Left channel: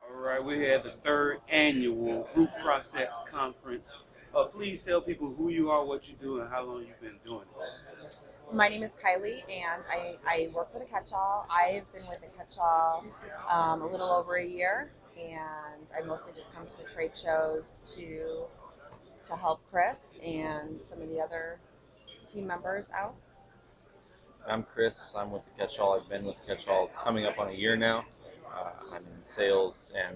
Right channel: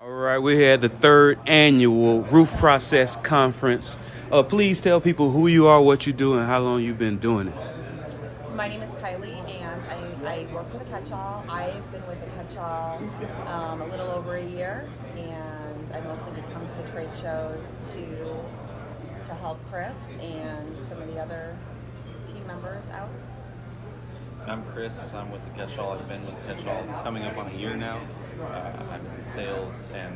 All right, we're here at the third annual Roof Process Conference. Please tell people who you are, what you do, and how long you've been doing it. My name is Kylie, and I work for the Catch-All. I've been with the Catch-All a little over a year, and I mostly just come to the trade shows to help Chris and some of the other team members out. I'm Chris. I'm with the Catch-All. I've been with the Catch-All coming up on a year now. I'm in sales and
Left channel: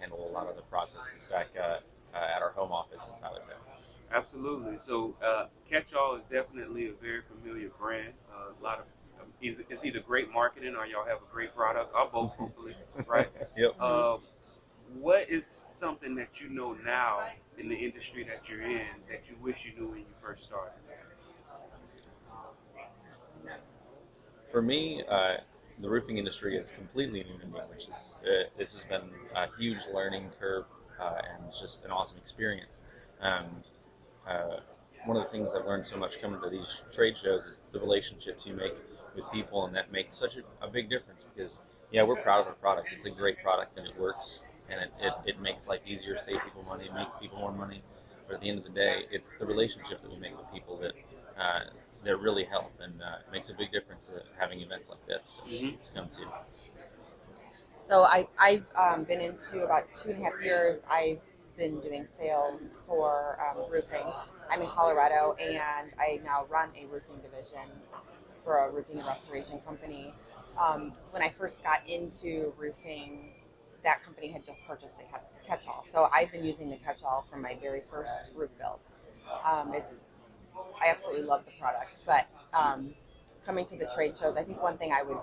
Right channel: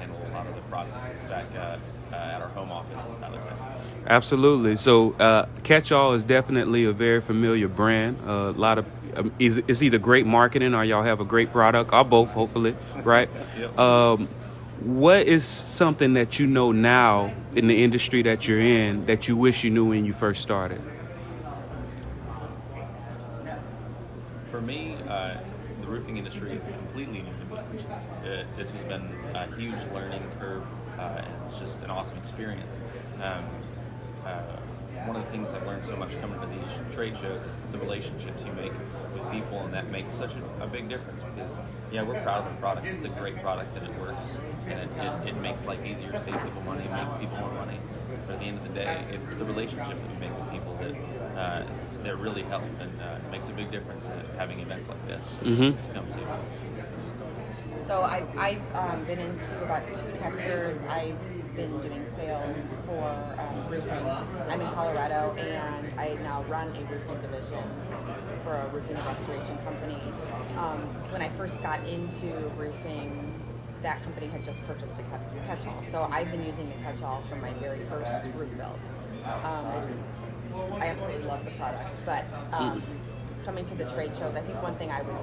handle a lot of the processes back at our home office in Tyler, Texas. Absolutely. So, Catch All is definitely a very familiar brand. A lot of it's either great marketing or y'all have a great product, or both, hopefully, right? Yep. What is something that you know now in the industry that you're in that you wish you knew when you first started? For me, the roofing industry is completely new to me. This has been a huge learning curve, and it's just an awesome experience. Um, One of the things I've learned so much coming to these trade shows is the relationships you make with people, and that makes such a big difference because, yeah, we're proud of our product. It's a great product, and it works, and it makes life easier, saves people money, it makes people more money. But at the end of the day, it's the relationships that we make with people that really help, and it makes a big difference having events like this to come to. So I've been into about 2.5 years. I've been doing sales for roofing. I'm in Colorado, and I now run a roofing division for a roofing and restoration company. When I first got into roofing, that company had just purchased a Catch-All. So I've been using the Catch-All for my very first roof build. I absolutely love the product, but coming to the trade shows, I think one thing I would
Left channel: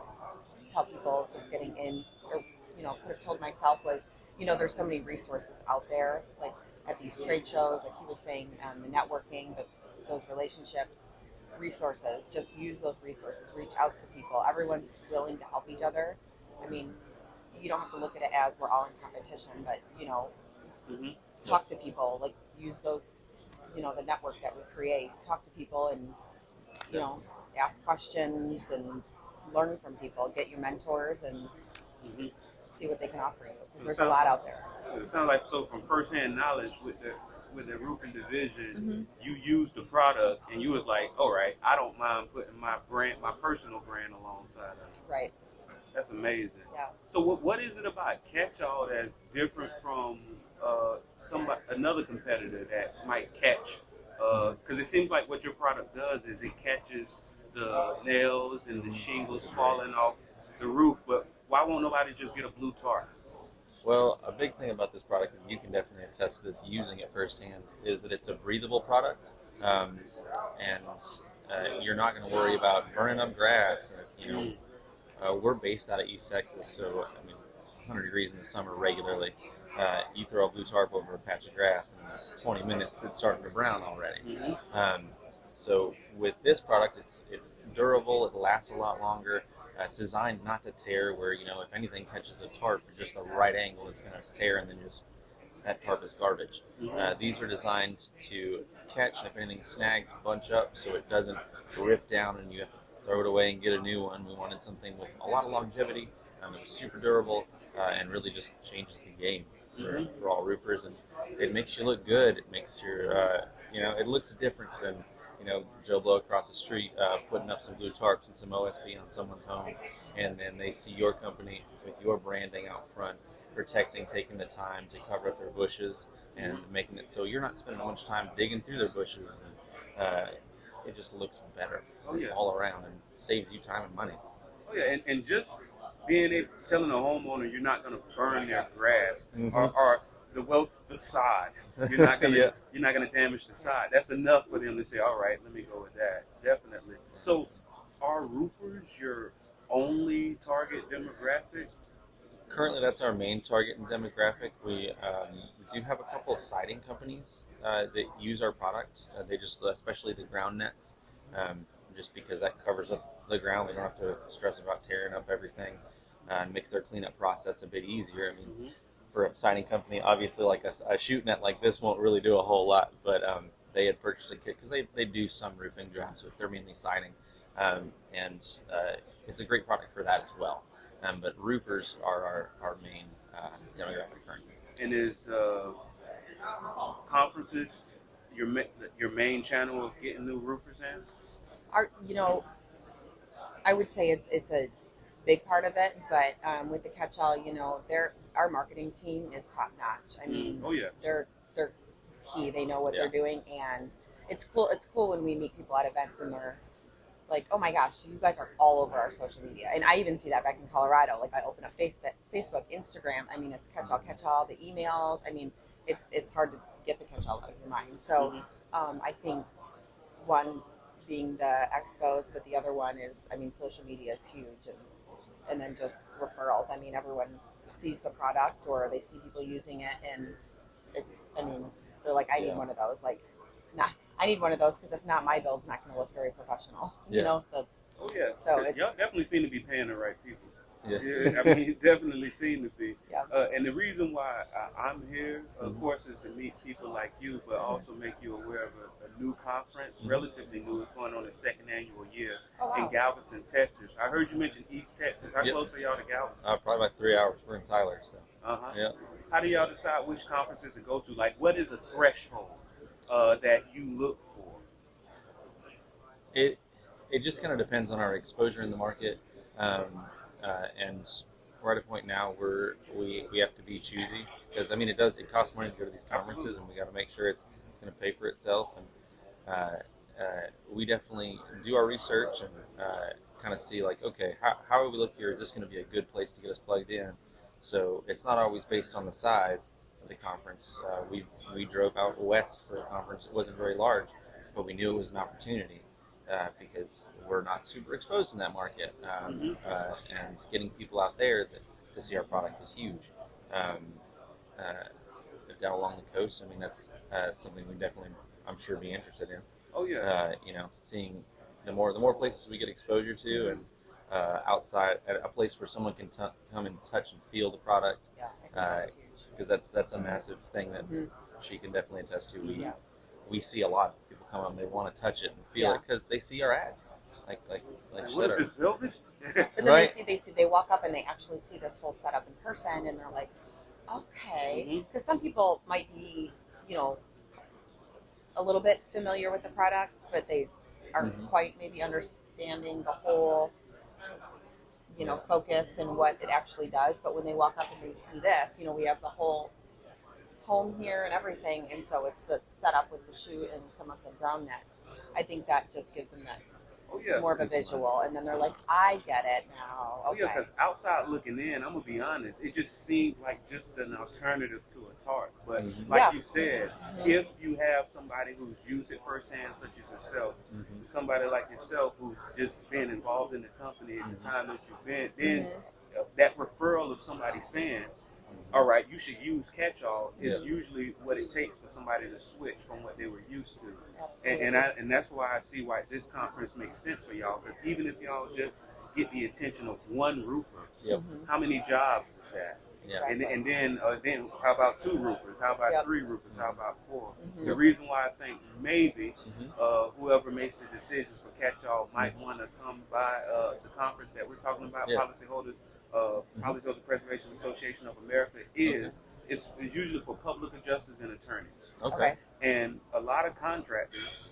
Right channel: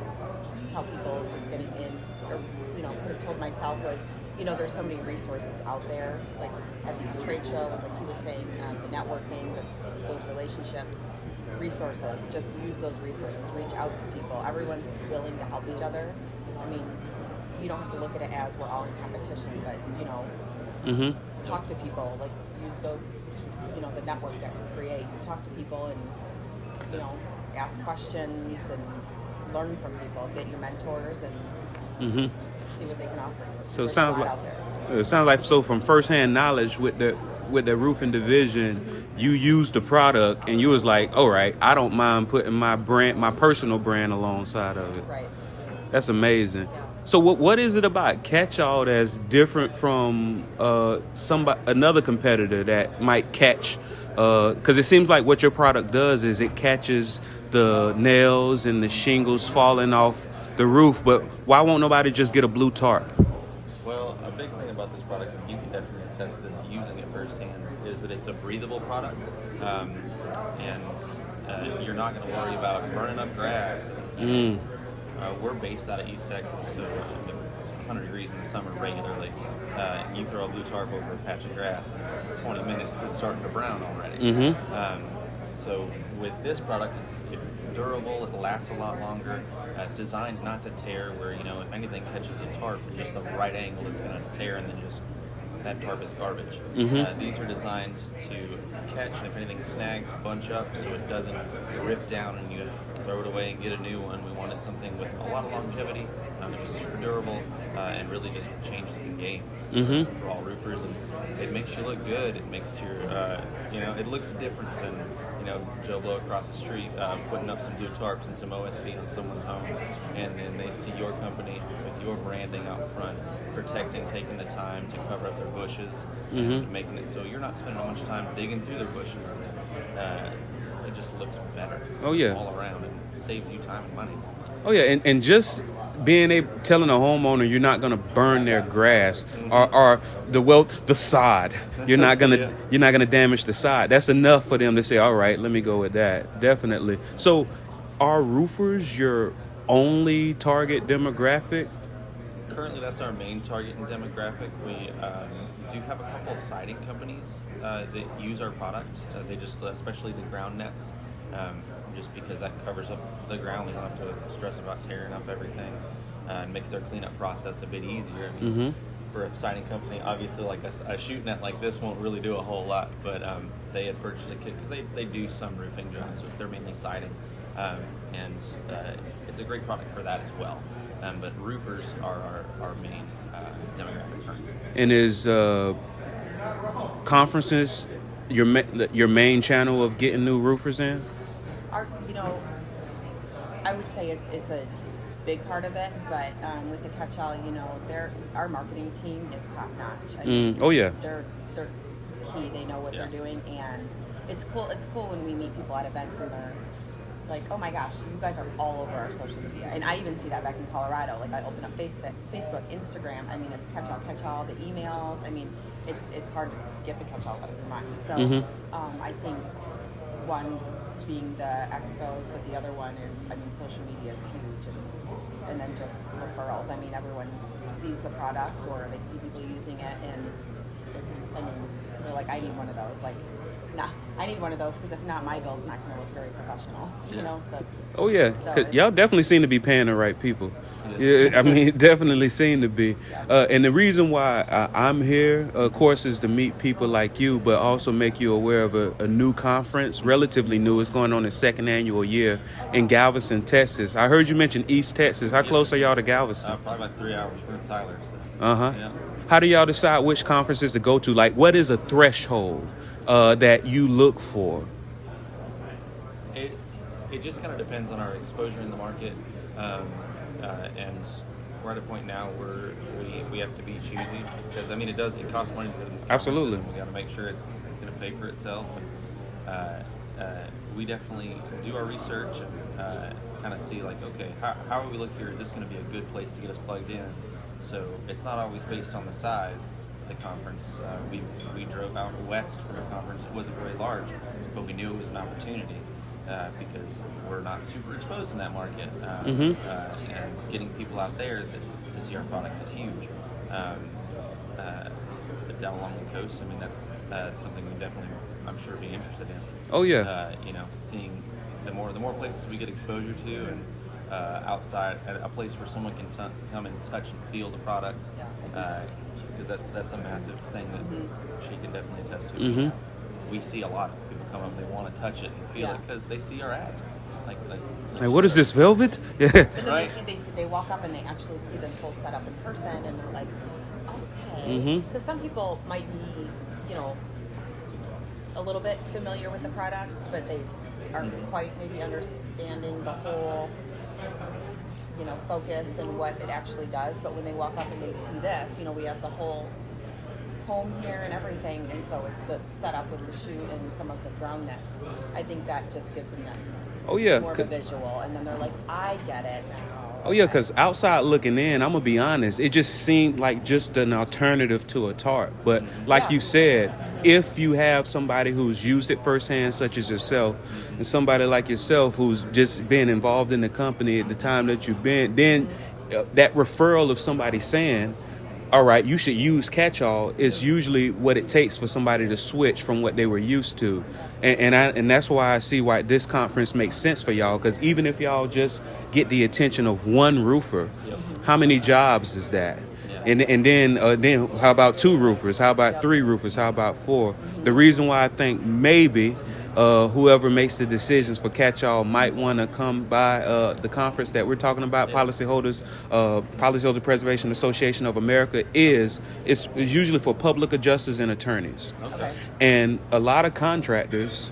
tell people just getting in, or could have told myself was, there's so many resources out there, like at these trade shows, like he was saying, the networking, those relationships, resources. Just use those resources. Reach out to people. Everyone's willing to help each other. I mean, you don't have to look at it as we're all in competition, but Mm-hmm. talk to people. Like use those, the network that we create. Talk to people and ask questions and learn from people. Get your mentors and Mm-hmm. see what they can offer you. So There's a lot out there. it sounds like so from firsthand knowledge with the roofing division, you used the product and you was like, all right, I don't mind putting my personal brand alongside of it. Right. That's amazing. Yeah. So what is it about Catch-All that's different from another competitor that might catch? Because it seems like what your product does is it catches the nails and the shingles falling off the roof. But why won't nobody just get a blue tarp? Well, a big thing about this product, and you can definitely attest to this using it firsthand, is that it's a breathable product, and you're not going to worry about burning up grass. We're based out of East Texas, so I mean, it's 100 degrees in the summer regularly. You throw a blue tarp over a patch of grass, and in 20 minutes it's starting to brown already. So with this product, it's durable. It lasts a lot longer. It's designed not to tear. Where if anything catches a tarp at just the right angle, it's going to tear, and then just that tarp is garbage. These are designed to catch, and if anything snags, bunch up, so it doesn't rip down and you throw it away and get a new one. We wanted something with a lot of longevity. It was super durable and really just changes the game for all roofers. And it makes you look good. It makes your, it looks different than Joe Blow across the street putting up some blue tarps and some OSB on someone's home, and then they see your company with your branding out front, protecting, taking the time to cover up their bushes and making it so you're not spending much time digging through their bushes. It just looks better. Oh, yeah. All around, and saves you time and money. Oh yeah, and just being able telling a homeowner you're not gonna burn their grass or the sod. You're not gonna Yeah. you're not gonna damage the sod. That's enough for them to say, all right, let me go with that. Definitely. So, are roofers your only target demographic? Currently, that's our main target and demographic. We do have a couple of siding companies that use our product. They just, especially the ground nets, just because that covers up the ground. They don't have to stress about tearing up everything, and makes their cleanup process a bit easier. I mean, for a siding company, obviously, like a shoot net like this won't really do a whole lot, but they had purchased a kit because they do some roofing jobs, but they're mainly siding, and it's a great product for that as well. but roofers are our main demographic currently. And is conferences your main channel of getting new roofers in? I would say it's a big part of it, but with the catch-all, our marketing team is top notch. I mean, Oh yeah. they're key. They know what they're doing, and it's cool. It's cool when we meet people at events and they're like, "Oh my gosh, you guys are all over our social media." And I even see that back in Colorado. Like I open up Facebook, Instagram. I mean, it's catch-all, the emails. I mean, it's hard to get the catch-all out of your mind. So I think one being the expos, but the other one is, I mean, social media is huge, and then just referrals. I mean, everyone sees the product or they see people using it, and they're like, I need one of those. Like, nah, I need one of those because if not, my build's not going to look very professional. Yeah. Oh yeah, So 'cause y'all definitely seem to be paying the right people. Yeah. I mean, definitely seem to be. And the reason why I'm here, of course, is to meet people like you, but also make you aware of a new conference, relatively new. It's going on its second annual year in Galveston, Texas. I heard you mention East Texas. How close are y'all to Galveston? Probably about 3 hours. We're in Tyler. So. Yeah. How do y'all decide which conferences to go to? Like, what is a threshold that you look for? It just kind of depends on our exposure in the market, and we're at a point now where we have to be choosy because I mean it costs money to go to these conferences. Absolutely. And we got to make sure it's going to pay for itself. And we definitely do our research and kind of see like, okay, how are we looking here? Is this going to be a good place to get us plugged in? So it's not always based on the size of the conference. We drove out west for a conference. It wasn't very large, but we knew it was an opportunity. Because we're not super exposed in that market, and getting people out there to see our product is huge. Down along the coast, I mean that's something we definitely, I'm sure, be interested in. Oh yeah. Seeing the more places we get exposure to, and outside a place where someone can come and touch and feel the product, because that's a massive thing that she can definitely attest to. We see a lot of people come up, they want to touch it and feel it because they see our ads. Like what is this, velvet? Yeah. And then they walk up and they actually see this whole setup in person, and they're like, okay, because some people might be, a little bit familiar with the product, but they aren't quite maybe understanding the whole, focus and what it actually does. But when they walk up and they see this, we have the whole home here and everything, and so it's the setup with the chute and some of the ground nets. I think that just gives them that more of a visual, and then they're like, I get it now. Oh yeah, because outside looking in, I'm gonna be honest, it just seemed like just an alternative to a tarp. But like you said, if you have somebody who's used it firsthand, such as yourself, and somebody like yourself who's just been involved in the company at the time that you've been, then that referral of somebody saying, all right, you should use catch-all is usually what it takes for somebody to switch from what they were used to. And that's why I see why this conference makes sense for y'all, because even if y'all just get the attention of one roofer, how many jobs is that? And then how about 2 roofers? How about 3 roofers? How about 4? The reason why I think maybe whoever makes the decisions for catch-all might want to come by the conference that we're talking about, Policyholder Preservation Association of America, it's usually for public adjusters and attorneys. Okay. And a lot of contractors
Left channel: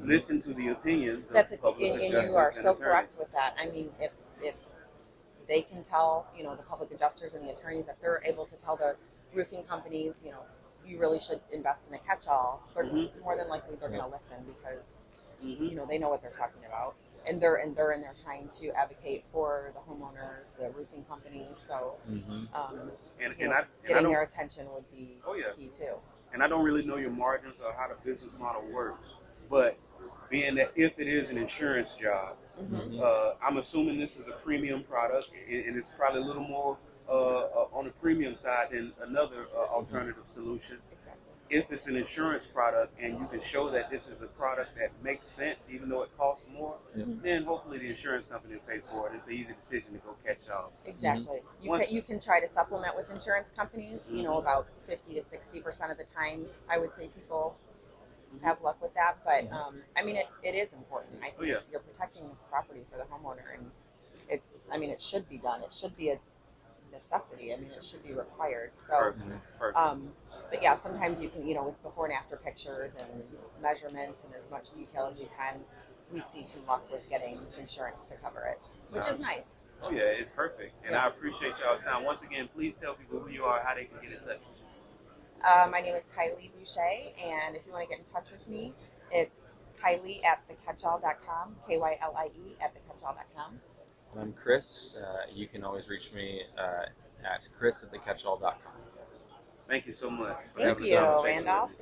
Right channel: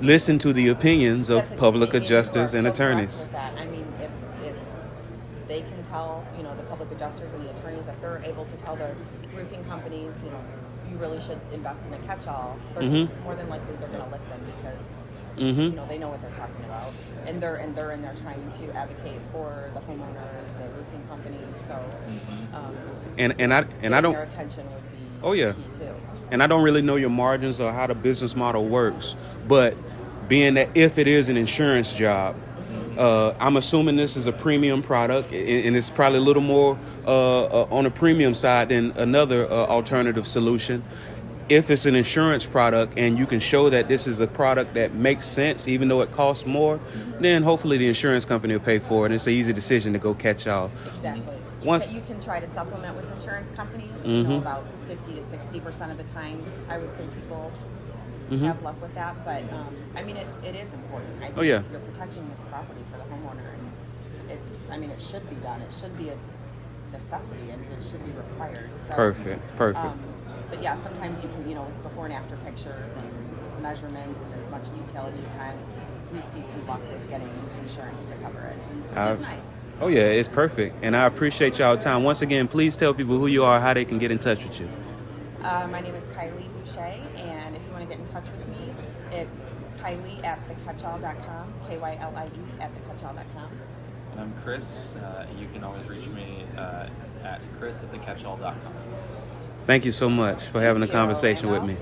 listen to the opinions of public adjusters and attorneys. With that. I mean, if they can tell, the public adjusters and the attorneys, if they're able to tell the roofing companies, you really should invest in a catch-all, more than likely they're going to listen because they know what they're talking about, and they're in there trying to advocate for the homeowners, the roofing companies. So, and I don't. Their attention would be key too. And I don't really know your margins or how the business model works, but being that if it is an insurance job, I'm assuming this is a premium product, and it's probably a little more on a premium side than another alternative solution. If it's an insurance product and you can show that this is a product that makes sense, even though it costs more, then hopefully the insurance company will pay for it. And it's an easy decision to go catch-all. Exactly. You can try to supplement with insurance companies. About 50 to 60% of the time, I would say people have luck with that. But I mean, it is important. I think you're protecting this property for the homeowner, and I mean, it should be done. It should be a necessity. I mean, it should be required. So, Perfect. but yeah, sometimes you can, with before and after pictures and measurements and as much detail as you can, we see some luck with getting insurance to cover it, which is nice. Oh yeah, it's perfect. And I appreciate y'all time. Once again, please tell people who you are, how they can get in touch with you. My name is Kylie Boucher, and if you want to get in touch with me, it's Kylie at thecatchall.com, KYLIE at thecatchall.com. And I'm Chris. You can always reach me at chris@thecatchall.com. Thank you so much for having a conversation with me.